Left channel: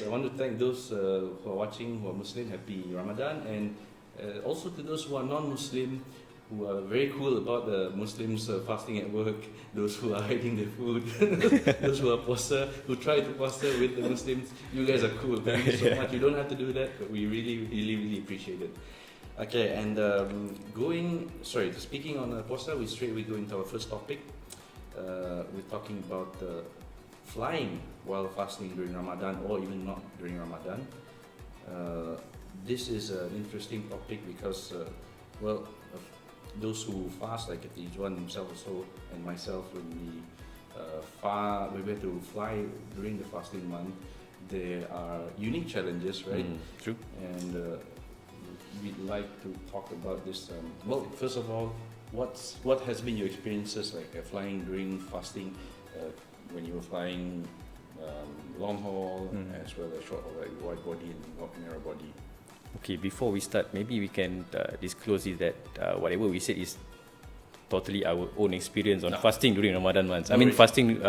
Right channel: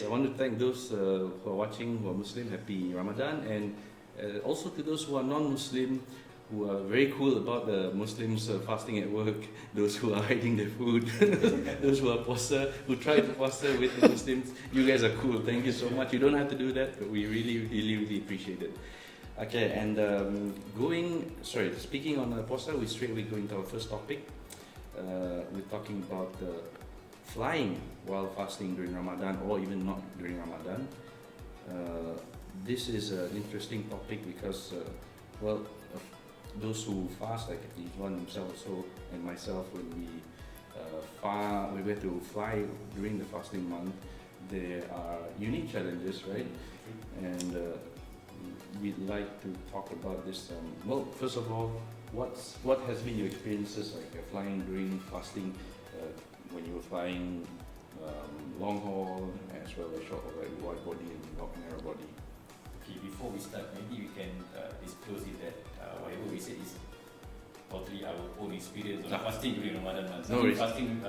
I want to thank those who are watching who are Muslim, happy Ramadan, and also to those who are non-Muslim, who are very cool about the Muslims fasting at work, those who are hiding their food, those who are poster, who try to poster with the Muslims. You guys are cool. Thank you so much. You don't have to do that, but we really appreciate it. Okay, and speaking on poster, we go into our first topic. We're talking about flying while fasting during Ramadan, or even not during Ramadan. This is an interesting topic because, those who fast, like Izwan himself also and myself, when we were to fly during the fasting month, there are unique challenges, right? True. And we'd like to talk about this. First of all, what has been your experiences like flying during fasting? When you were flying long haul as well as short haul, like wide body and narrow body. Okay, before we start, maybe we can disclose is that whatever we said is totally our own experience on fasting during Ramadan months. Fasting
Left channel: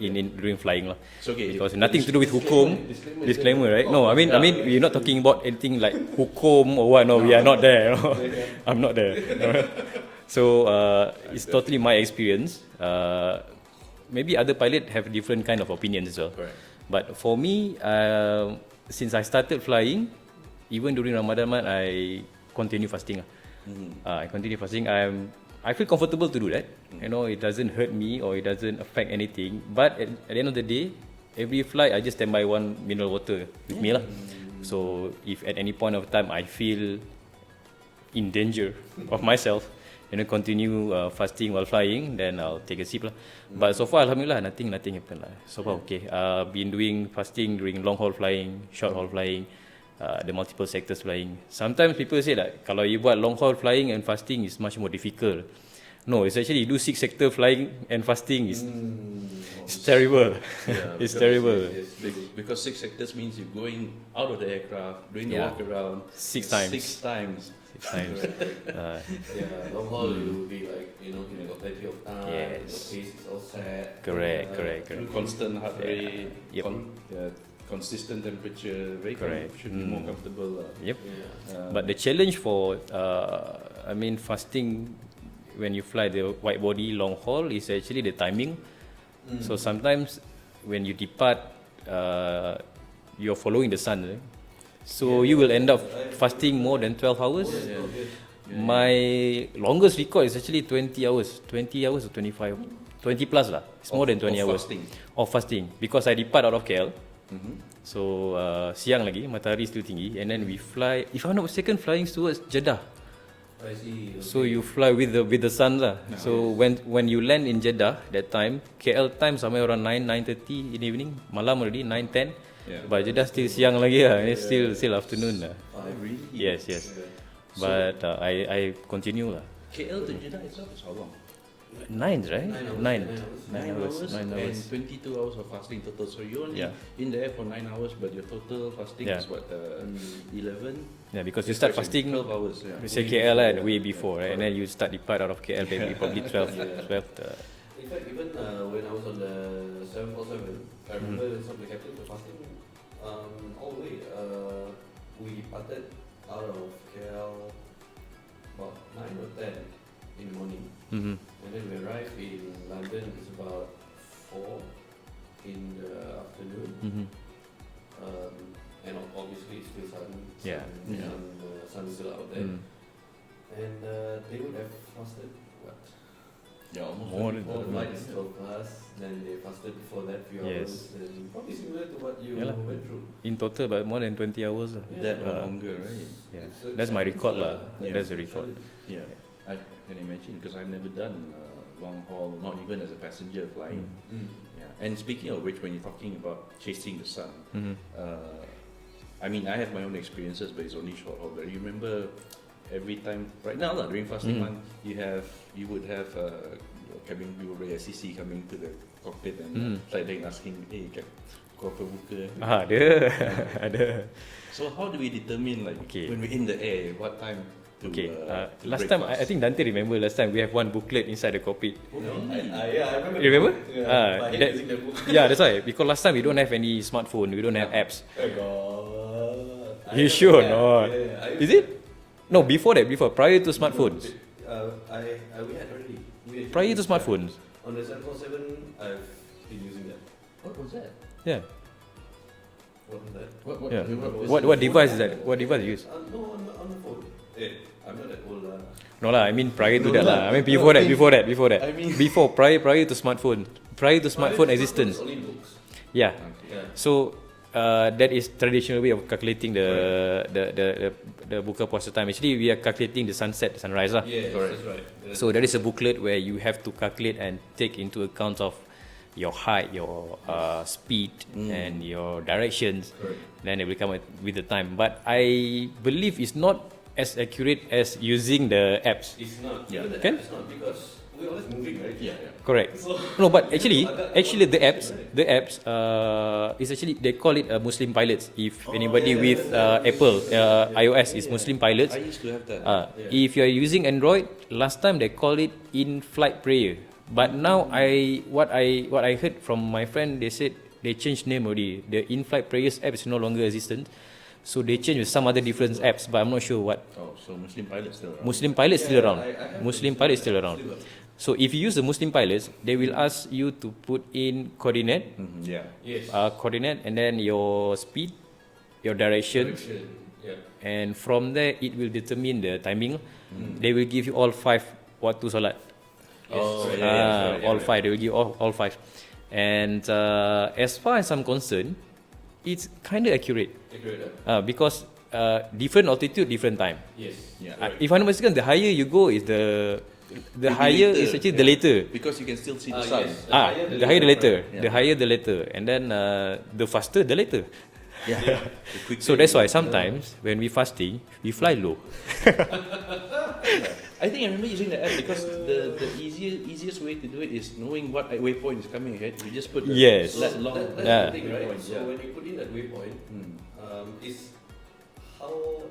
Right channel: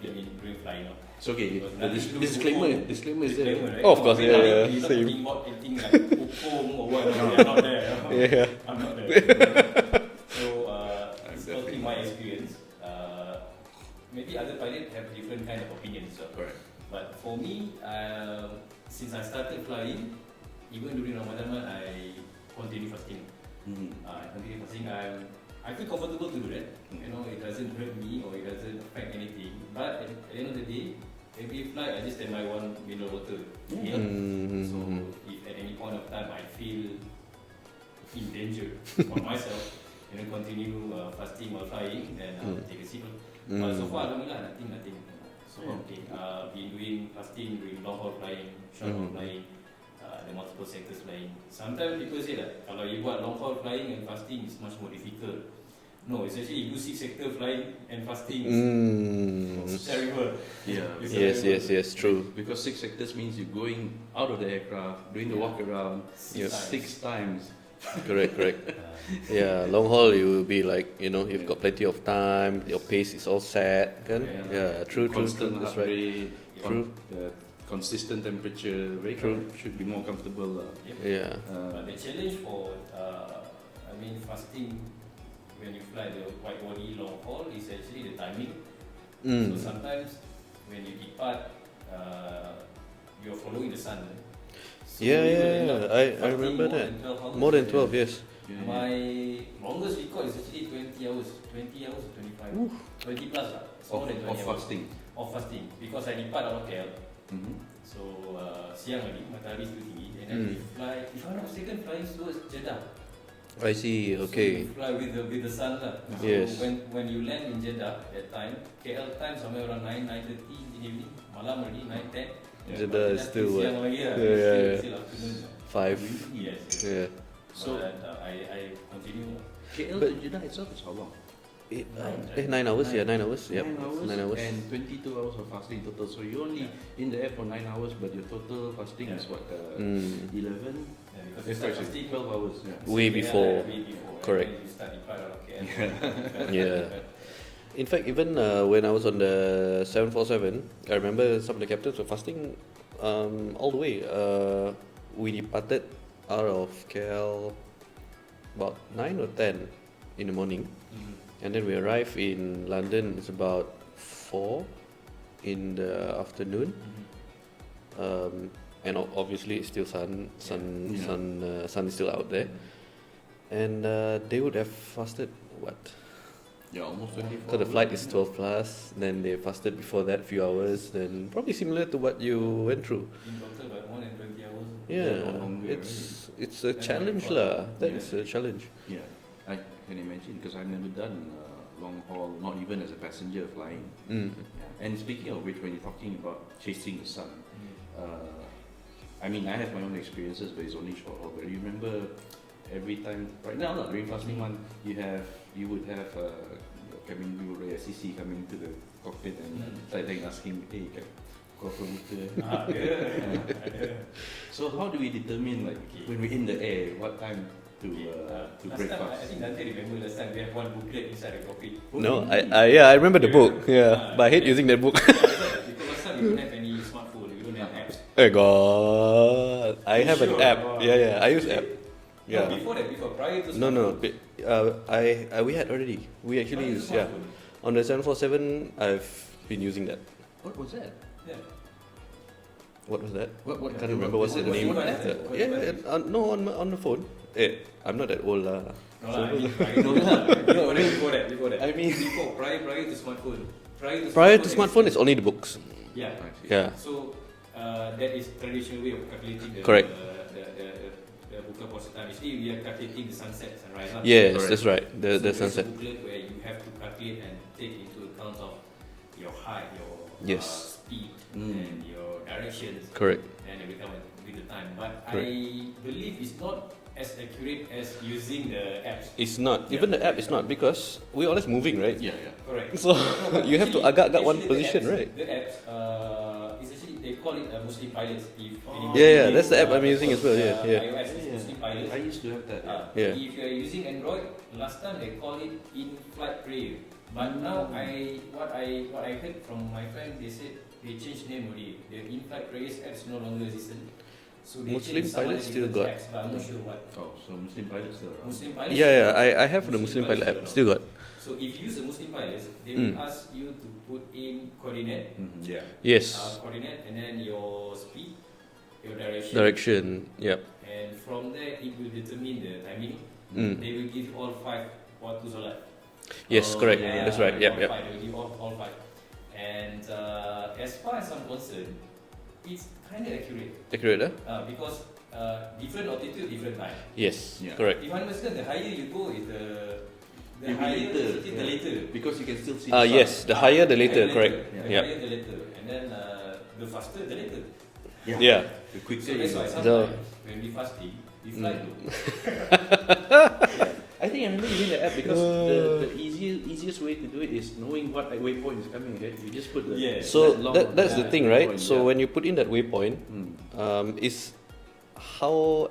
during flying lah. So okay, because nothing to do with hukum. Disclaimer, right? Oh, no, I mean we're not talking about anything like hukum or what. No, we are not there. No. I'm not there. No. So it's totally my experience. Maybe other pilots have different kind of opinions as well. Correct. But for me, since I started flying, even during Ramadan month, I continue fasting. I continue fasting. I feel comfortable to do that. You know, it doesn't hurt me or it doesn't affect anything. But at the end of the day, every flight I just stand by one mineral water with me lah. So if at any point of time I feel in danger of myself, continue fasting while flying, then I'll take a sip lah. But so far, alhamdulillah, nothing happened lah. So far, okay. Been doing fasting during long haul flying, short haul flying, the multiple sectors flying. Sometimes people say that kalau you buat long haul flying and fasting is much more difficult. No, it's actually you do 6 sector flying and fasting. It's terrible. Yeah, it's terrible. Yes, true. Because 6 sectors means you're going out of the aircraft, doing the walk around 6 times. 6 times. Correct. Yeah, long haul you will be like, you've got plenty of time, your pace is all set. Correct. True. Constant heart rate, Yep. consistent temperature, should be more comfortable. Yep. Yeah. But the challenge for fasting when you fly the wide body long haul is actually the timing. So sometimes when you depart, you're following the sun. So you will end up fasting more than 12 hours. More than 12, yes. My longest record is actually 20 hours. 20 hours or 25? 20 plus lah. It's more than 20 hours. Of fasting. Because I depart out of KL. So siang lagi, matahari still tinggi. And then we fly, if I'm not mistaken, flying towards Jeddah. I see, okay. So you fly with the sun lah. So when you land in Jeddah, that time, KL time somewhere around 9:30 in the evening. Malam already, 9:10. But Jeddah still siang lagi lah. It's still afternoon lah. 5. Yes. Yeah. But I continue lah. KL to Jeddah itself is how long? 9, right? 9 hours. 9 hours. Yeah, 9 hours and 22 hours of fasting total. So you're only in the air for 9 hours, but your total fasting is what, 11? Yeah, because you start fasting 12 hours. way KL before. Way before, right? And then you start depart out of KL, then you probably 12. In fact, even when I was on the 747, I remember some of the captains were fasting all the way. We departed out of KL about 9 or 10 in the morning, and then we arrived in London. It's about 4 in the afternoon, and obviously it's still sun is still out there, and they would have fasted what? Yeah, almost. So the flight is 12 plus, then they fasted before that few hours, then probably similar to what you went through. In total, about more than 20 hours. Yeah, longer. It's a That's my challenge record. That's a challenge. Yeah, I can imagine because I've never done long haul, not even as a passenger flying. Yeah. And speaking of which, when you're talking about chasing the sun, I have my own experiences, but it's only short haul. But you remember every time, right now during fasting month, you would have cabin crew or SCC coming to the cockpit and like asking, hey, kau buka? Ada. So how do we determine when we're in the air, what time Okay. Last break time, fast. I think Dante remember last time we have one booklet inside the cockpit. No, I remember the You book. remember? Yeah, but I hate that- using that book. Yeah, that's why. Because last time we don't have any smartphone, we don't have apps. Oh God, I You have sure an app. or not? Yeah, I use Is it? that. No, Yeah. before that, prior to smartphones. We had already. We actually Prior to used, smartphones. Yeah. On the 747, I've been using that. What was that? Yeah. What was that? What? Yeah. I don't remember What device is that? What device is it? No, on the phone. I'm not that old lah. No lah, I mean prior to that lah. I mean before that. I mean- prior to smartphone. Prior to Prior smartphone to smartphone, existence. it's only the books. Yeah. Yeah. So that is traditional way of calculating the Correct. the buka puasa time. Actually, we are calculating the sunset, sunrise lah. Yes, Correct. that's right. So the there is a sunset. booklet where you have to calculate and take into account of your height, your Yes. speed, and your directions. Correct. Then they will come with the time. But I believe it's not as accurate as using the apps. It's not. Yeah. Even the app is not because we're always moving, right? Yeah. Correct. So No, but you have actually, to agak-agak one the position, apps, right? the apps, is actually they call it Muslim pilots. If anybody Yeah, with that's the app I'm using Apple, as well, yeah. iOS is Muslim pilots. I used to have that. Yeah. If you are using Android, last time they call it in-flight prayer. But now what I heard from my friend, they said they changed name already. The in-flight prayers app is no longer existent. So they changed with some other Pilots different still got- apps, but I'm not sure what. Oh, so Muslim pilots still around. Muslim pilots Yeah, still yeah, around. I have the Muslim Muslim pilots pilot still app, around. still got. So if you use the Muslim pilots, they will ask you to put in coordinate, Yeah. Yes. coordinate, and then your speed, your direction, Direction. Yep. and from there it will determine the timing. They will give you all 5 waktu solat. Yes, correct. yeah, That's right. All Yep, yep. 5. They will give all 5. And as far as I'm concerned, it's kind of accurate Accurate, because different altitude, different time. Yes. Yeah. Correct. If I'm not mistaken, the higher you go is the higher is actually the later. Because you can still see the sun. Yes. The higher the later. correct. The higher the later, and then the faster the later. Yeah. The quicker So that's you- why sometimes when we fasting, we fly low. I think I remember using the app because the easiest way to do it is knowing what waypoint is coming ahead. You just put the Yes. So that long that's Yeah. the thing, right? waypoint, So yeah. when you put in that waypoint, is how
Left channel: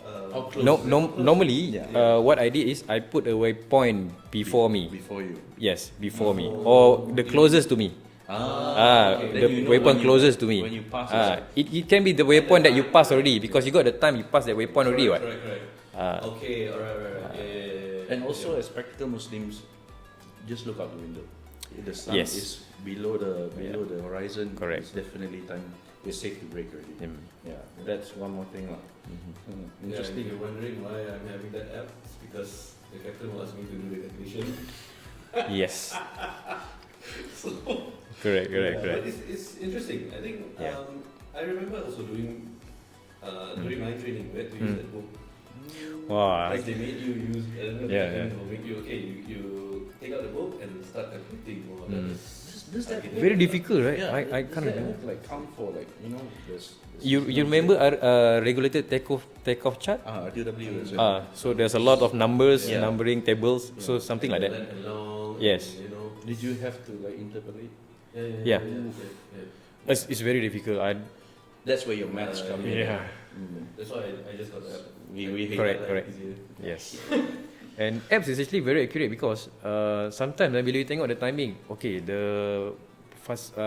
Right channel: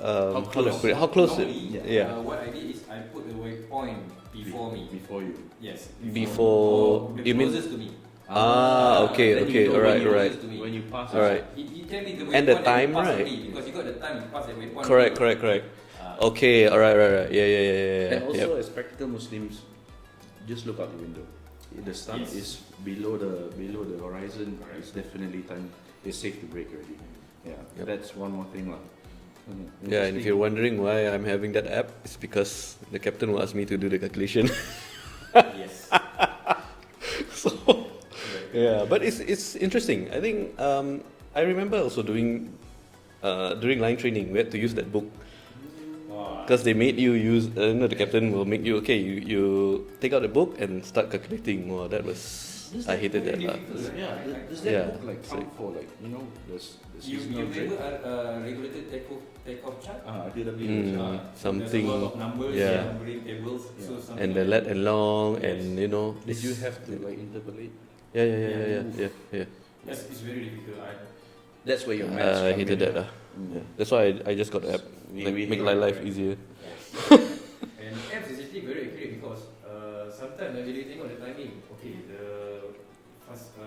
How close? how close- Normally, Yeah. what I did is I put a waypoint before me. before you. Yes, before me, Before- or the you closest to me. okay, then okay. you- Waypoint right, closest right. to me. When you pass It can be the And the waypoint that you time, pass right? already because you got the time you pass that waypoint already. Correct, What? correct, correct. Okay, alright, right. Yeah. And also, as practical Muslims, just look out the window. If the sun Yes. is below the horizon, Correct. it's definitely time. It's safe to break already. Yeah, that's one more thing, lah. Yeah, and if you're wondering why I'm having that app, it's because the captain will ask me to do the calculation. Yes. So Correct. yeah, but it's interesting. I think I remember also doing during line training we had to use that book Wow. because they made you use. The Yeah, captain will make you you take out the book and start calculating. Wow, that was Does I that hated very that. difficult, right? Yeah, I does can't. that Yeah. book like count for like this? You remember regulated takeoff chart? RTW. So there's a lot of numbers, Yeah. numbering tables, so something And like the that. let and long, Yes. and you know. Did you have to like interpolate? Yeah. Yeah. It's very difficult. That's where your maths I come hated in. that. That's why I just got the app. We Make hate my that, life correct. easier. Yes. And apps is actually very accurate because sometimes when you tengok the timing, okay, the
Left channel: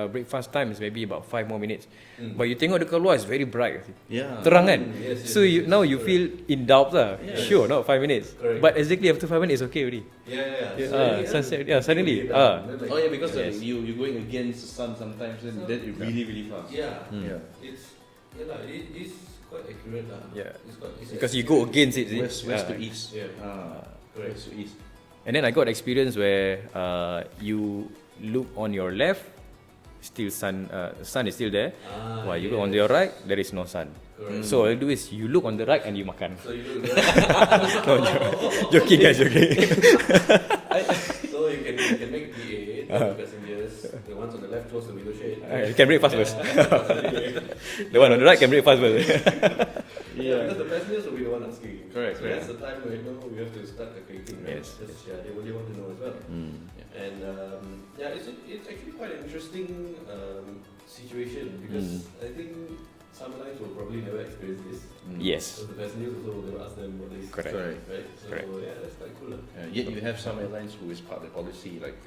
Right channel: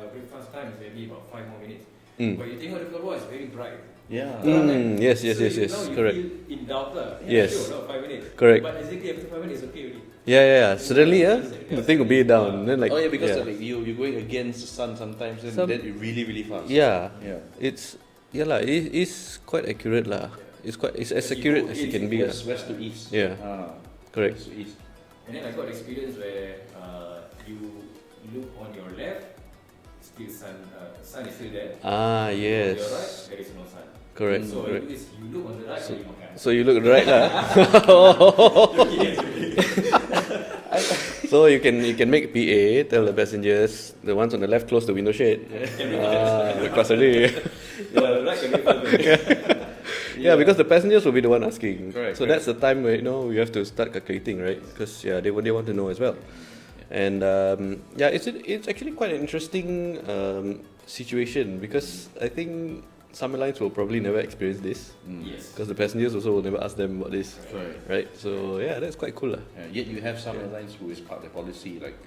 breakfast time is maybe about 5 more minutes. But you tengok dekat luar is very bright. Yeah. Terang kan? Yes, So yes, yes, now you correct. feel in doubt lah. Yes. Sure, not 5 minutes. Correct. But exactly after 5 minutes, okay already. Yeah. Suddenly, sunset, yeah, you think suddenly, be down. Then like, Oh yeah, because yeah. like, you're going against the sun sometimes, and then it really fast. Yeah, Yeah. it's lah. It's quite accurate lah. Yeah. It's as Because you accurate go against as it, can be. West to east. Yeah. Correct. West to east. And then I got experience where you look on your left, still sun is still there. Ah, But you look on your right, there is no sun. Correct. So all you do is you look on the right and you makan. So you look right side. Joking guys, joking. So you can make PA tell the passengers the ones on the left close the window shade. You can break fast first. Because already. The one on the right can break fast first. Yeah, because the passengers will be the one asking. Correct, So correct. that's the time where we have to start calculating, right? Because they want to know as well. And it's actually quite an interesting situation because I think some airlines will probably never experience this. Yes. Because the passengers also will never ask them about this. Correct. Right? So yeah, that's quite cool. Yet you have some airlines who is part of the policy, like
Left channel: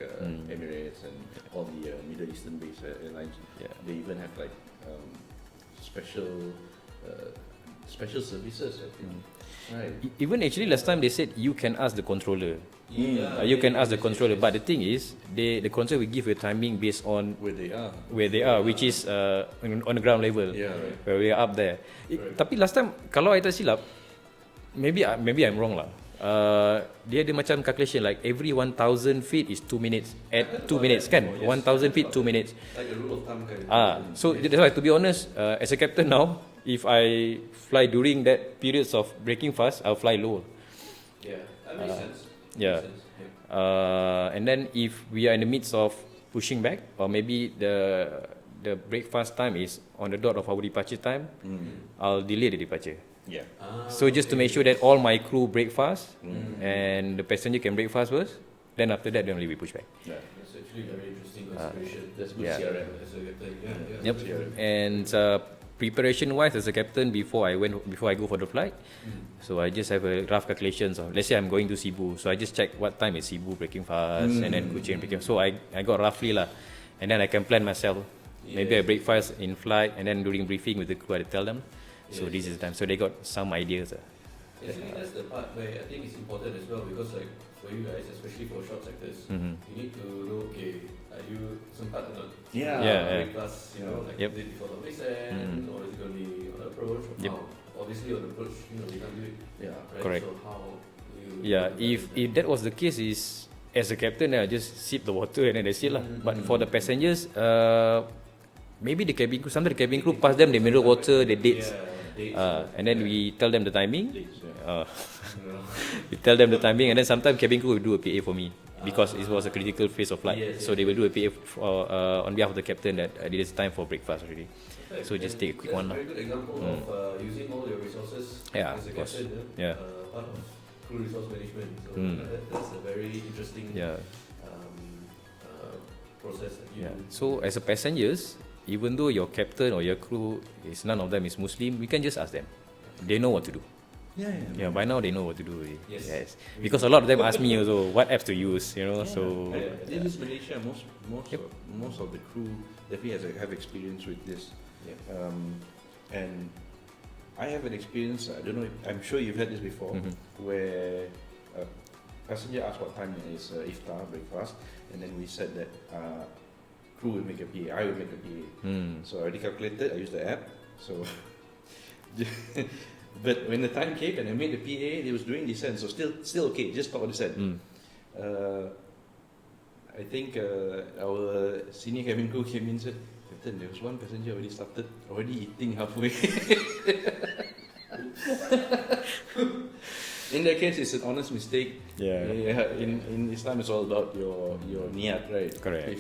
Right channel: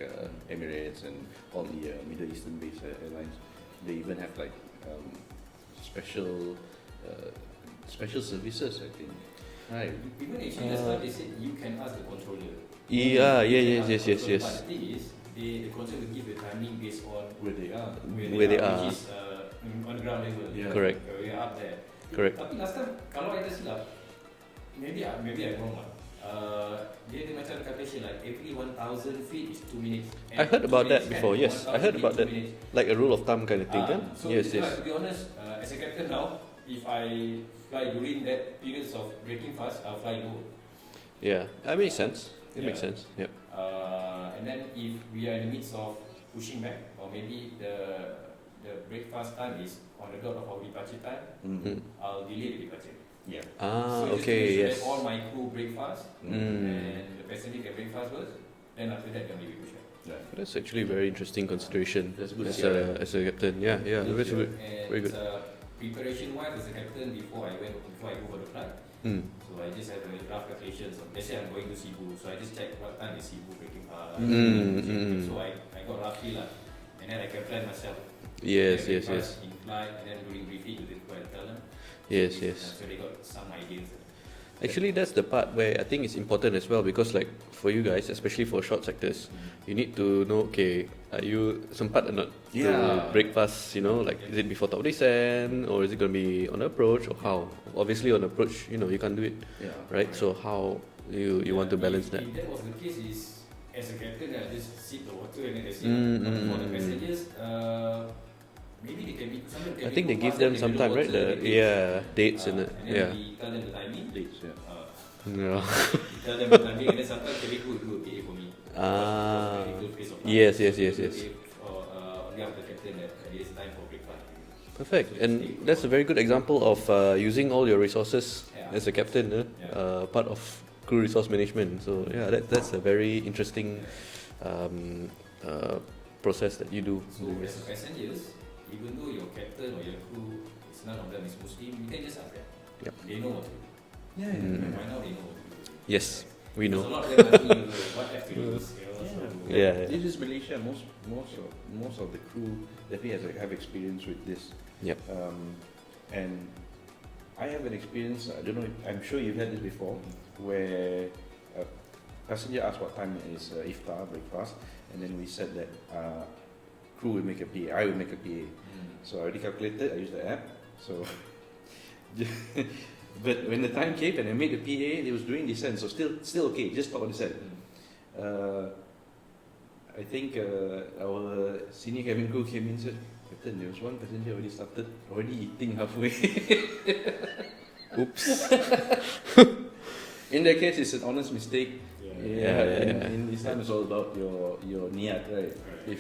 Emirates and all the Middle Eastern based airlines. Yeah. They even have like special services, I think. Right. Even actually last time they said you can ask the controller. Yeah, You can ask the yes, controller, yes. but the thing is, the controller will give a timing based on Where they are. where they are, which is on the ground level. Yeah. Correct. Where we are up there. Correct. Tapi last time kalau I tak silap, maybe I'm wrong lah. Dia ada macam calculation like every 1,000 feet is 2 minutes. I heard 2 about minutes that kan? before, yes. 1,000 feet 2 That. minutes. Like a rule of thumb kind of thing. So Yes, that's why, to be honest, as a captain now, if I fly during that periods of breaking fast, I'll fly low. Yeah, that makes sense. It yeah. makes sense. Yep. And then if we are in the midst of pushing back, or maybe the breakfast time is on the dot of our departure time, I'll delay the departure. Yeah. So just to make sure that all my crew break fast and the passenger can break fast first, then after that then only we push back. Yeah. That's actually a very interesting consideration. That's good. As a captain. Yeah, yeah. Yep. Very good. And preparation wise as a captain before I go for the flight, so I just have a rough calculations of, let's say I'm going to Cebu, so I just check what time is Cebu breaking fast and then so I got roughly lah, and then I can plan myself. Maybe I break fast in flight, and then during briefing with the crew I tell them so this is time, so they got some ideas. Actually, that's the part where I think it's important as well, because like for you guys, especially for short sectors, you need to know, okay, are you sempat or not to break fast, you know, like is it before top descent or is it going to be on approach or how? Obviously on approach, you know, you can't do it, right? Correct. So how you want to balance that? If that was the case, is as a captain I just sip the water and then that's it lah. But for the passengers, maybe the cabin crew, some of the cabin crew pass them the mineral water, the dates. Dates and then we tell them the timing. Yeah. We tell them the timing, and then sometimes cabin crew will do a PA for me because it was a critical phase of flight. So they will do a PA on behalf of the captain that it is time for breakfast already. Perfect. So and that's a very good example of using all your resources as a captain, part of crew resource management. So that's a very interesting process that you do. So as a passengers, even though your captain or your crew is none of them is Muslim, we can just ask them. They know what to do. By now they know what to do already. Yes. Because a lot of them ask me also what apps to use, you know. So This is Malaysia. Most of the crew definitely have experience with this. And I have an experience. I don't know. I'm sure you've had this before, where a passenger asked what time is iftar breakfast, and then we said that crew will make a PA. I will make a PA. So I already calculated. I used the app. So, but when the time came and I made the PA, it was during descent. So still okay. Just talk about descent. I think our senior cabin crew came in and said, "Captain, there was one passenger already eating halfway." Oops. In that case, it's an honest mistake. In Islam, it's all about your niyat, right? Correct.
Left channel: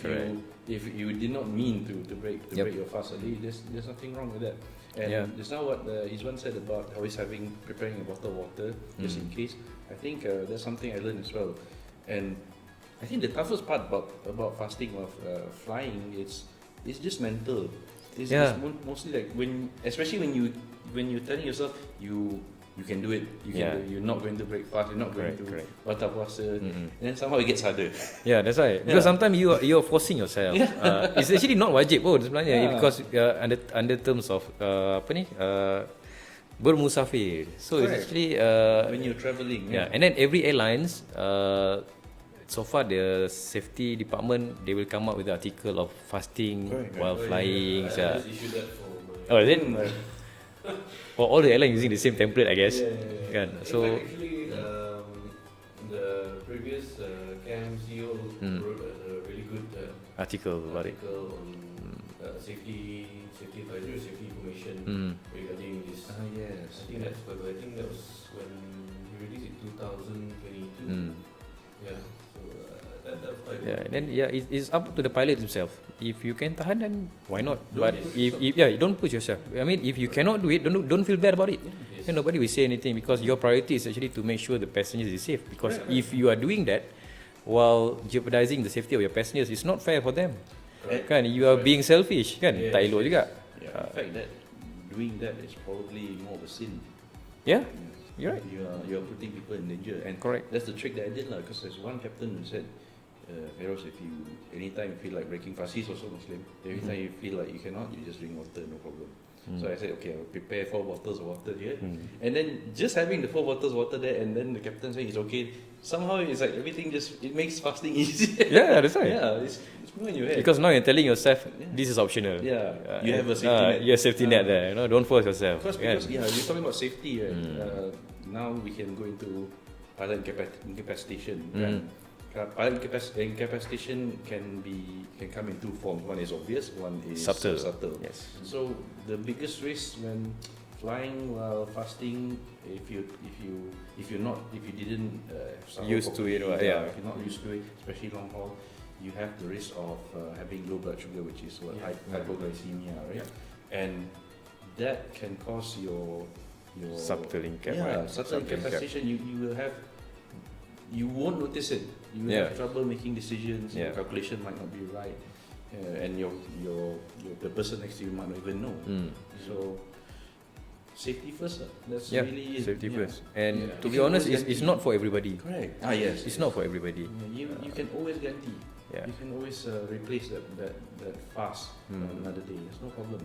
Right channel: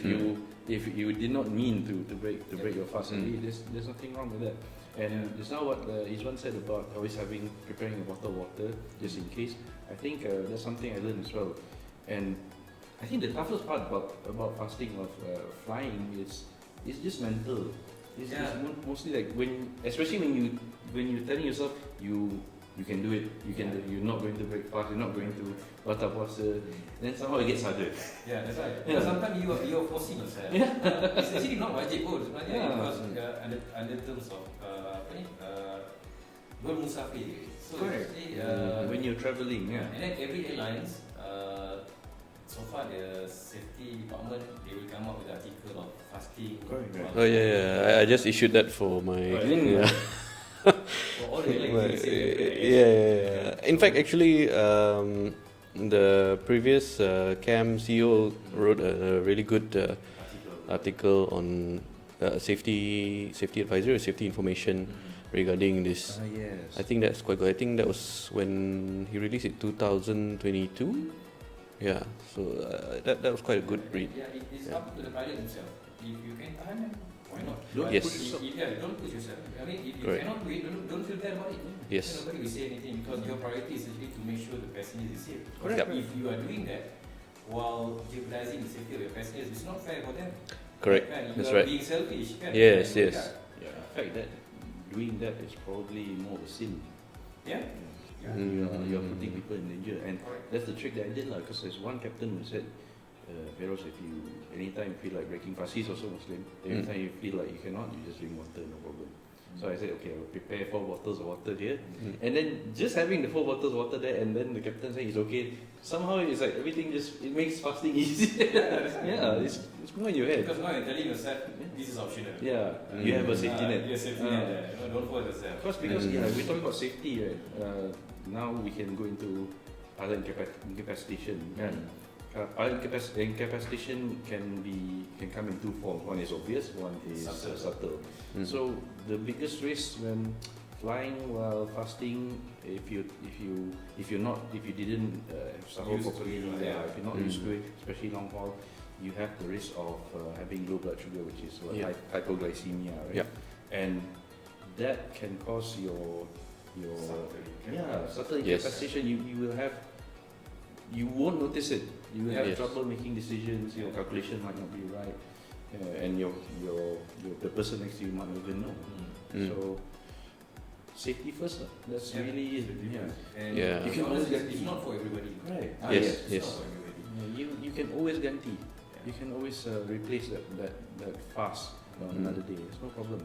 If you did not mean to break your fast, there's nothing wrong with that. And just now what Izwan said about always preparing a bottle of water just in case. I think that's something I learned as well. And I think the toughest part about fasting of flying is just mental. It's mostly like especially when you telling yourself you can do it. You're not going to break fast. You're not going to batal puasa. Then somehow it gets harder. Yeah, that's right. Because sometimes you're forcing yourself. It's actually not wajib sebenarnya because under terms of bermusafir. So it's actually when you're traveling. And then every airlines so far the safety department they will come up with an article of fasting while flying. I just issued that for my. For all the airlines using the same template, I guess. In fact, actually, the previous CAM CEO wrote a really good article on safety advisory or safety information regarding this. I think that's quite good. I think that was when he released it 2022. So that was quite a good. It's up to the pilot himself. If you can tahan, then why not? But Yes. Don't push yourself. I mean, if you cannot do it, don't feel bad about it. Yes. Then nobody will say anything because your priority is actually to make sure the passengers is safe. Because if you are doing that while jeopardizing the safety of your passengers, it's not fair for them. Correct. Kan? You are being selfish, kan? Tak elok juga. In fact, that doing that is probably more of a sin. Yeah, you're right. And you are putting people in danger. And Correct. that's the trick that I did, because there's one captain who said, Faeroz, anytime you feel like breaking fast, he's also Muslim. Anytime you feel like you cannot, you just drink water, no problem. So I said, okay, I'll prepare 4 bottles of water here. And then just having the 4 bottles of water there, and then the captain said it's okay. Somehow it's like everything it makes fasting easier. Yeah, that's right. Yeah, it's more in your head. Because now you're telling yourself this is optional. Yeah, you have a safety net. You have safety net there. You know, don't force yourself. Because we're talking about safety, right? Now we can go into pilot incapacitation. Pilot incapacitation can come in 2 forms. One is obvious, one is subtle. Yes. So the biggest risk when flying while fasting, if you didn't Used to it, if yeah. you're not used to it, especially long haul, you have the risk of having low blood sugar, which is hypoglycemia, right? Yeah. And that can cause your Subtle incap, subtle incapacitation. You won't notice it. You will have trouble making decisions. Your calculation might not be right, and the person next to you might not even know. So safety first. That's really safety first. And Yeah. to be honest, it's not for everybody. correct. It's not for everybody. You can always guarantee. Yeah. You can always replace that fast another day. It's no problem.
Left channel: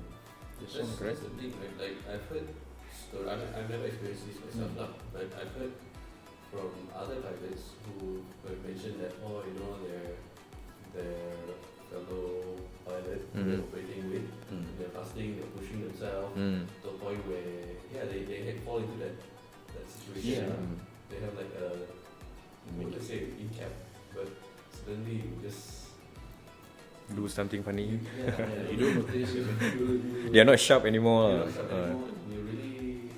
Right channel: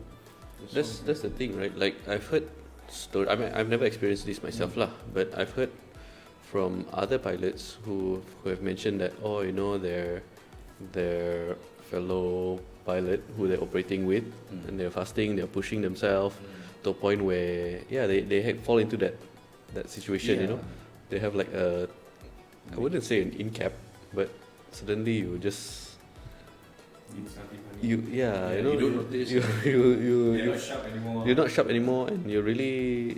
That's the thing, right? Like I've heard story. I mean, I've never experienced this myself, lah. But I've heard from other pilots who have mentioned that their fellow pilot who they're operating with, and they're fasting, they're pushing themselves to a point where they fall into that situation. You know, they have like I wouldn't say an in-cap, but suddenly you just Do something funny. you don't notice. They're not sharp anymore. You're not sharp anymore, and you're really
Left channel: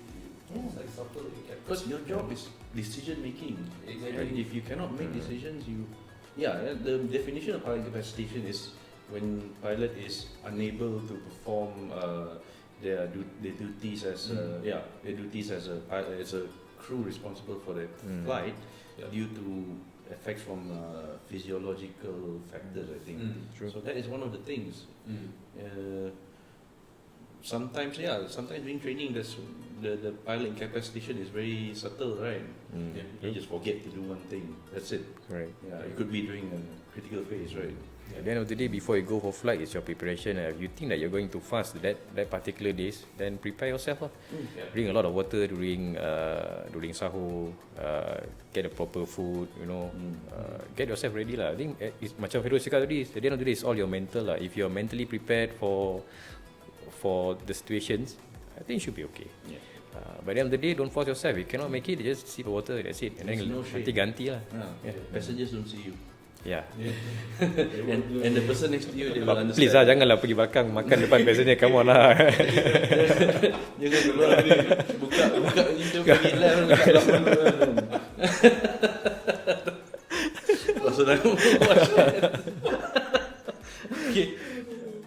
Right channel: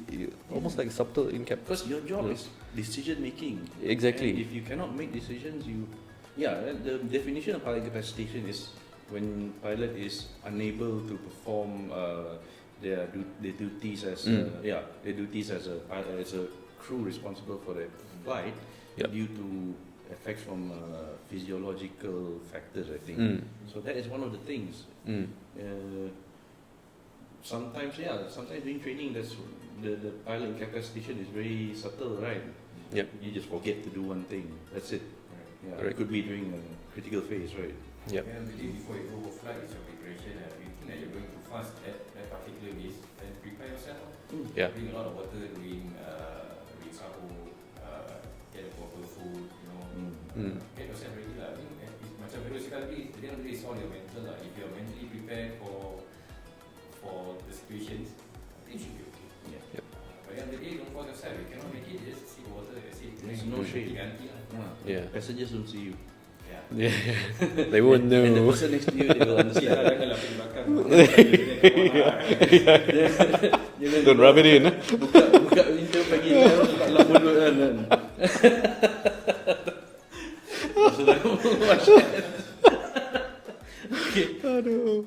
almost like subtle in-cap. Because your job is decision making. Exactly. And if you cannot make decisions, the definition of pilot incapacitation is when pilot is unable to perform their duties as a crew responsible for the flight due to effects from physiological factors, I think. So that is one of the things. Sometimes during training, the pilot incapacitation is very subtle, right? You just forget to do one thing. That's it. Right. It could be during a critical phase, right? At the end of the day, before you go for flight, it's your preparation. If you think that you're going to fast that particular days, then prepare yourself. Drink a lot of water during sahur. Get a proper food. Get yourself ready lah. I think it's macam Faeroz cakap tadi. At the end of the day, it's all your mental lah. If you're mentally prepared for the situations, I think you should be okay. By the end of the day, don't force yourself. If you cannot make it, just sip water. That's it. And then ganti lah. Passengers don't see you. They won't know. And the person next to you, they will Please understand. janganlah pergi belakang makan depan biasanya. Come on lah. Don't rub it in. Buka pintu pergi. Jangan dekat dalam mulut kan. Maksudnya. Okay. Aduh.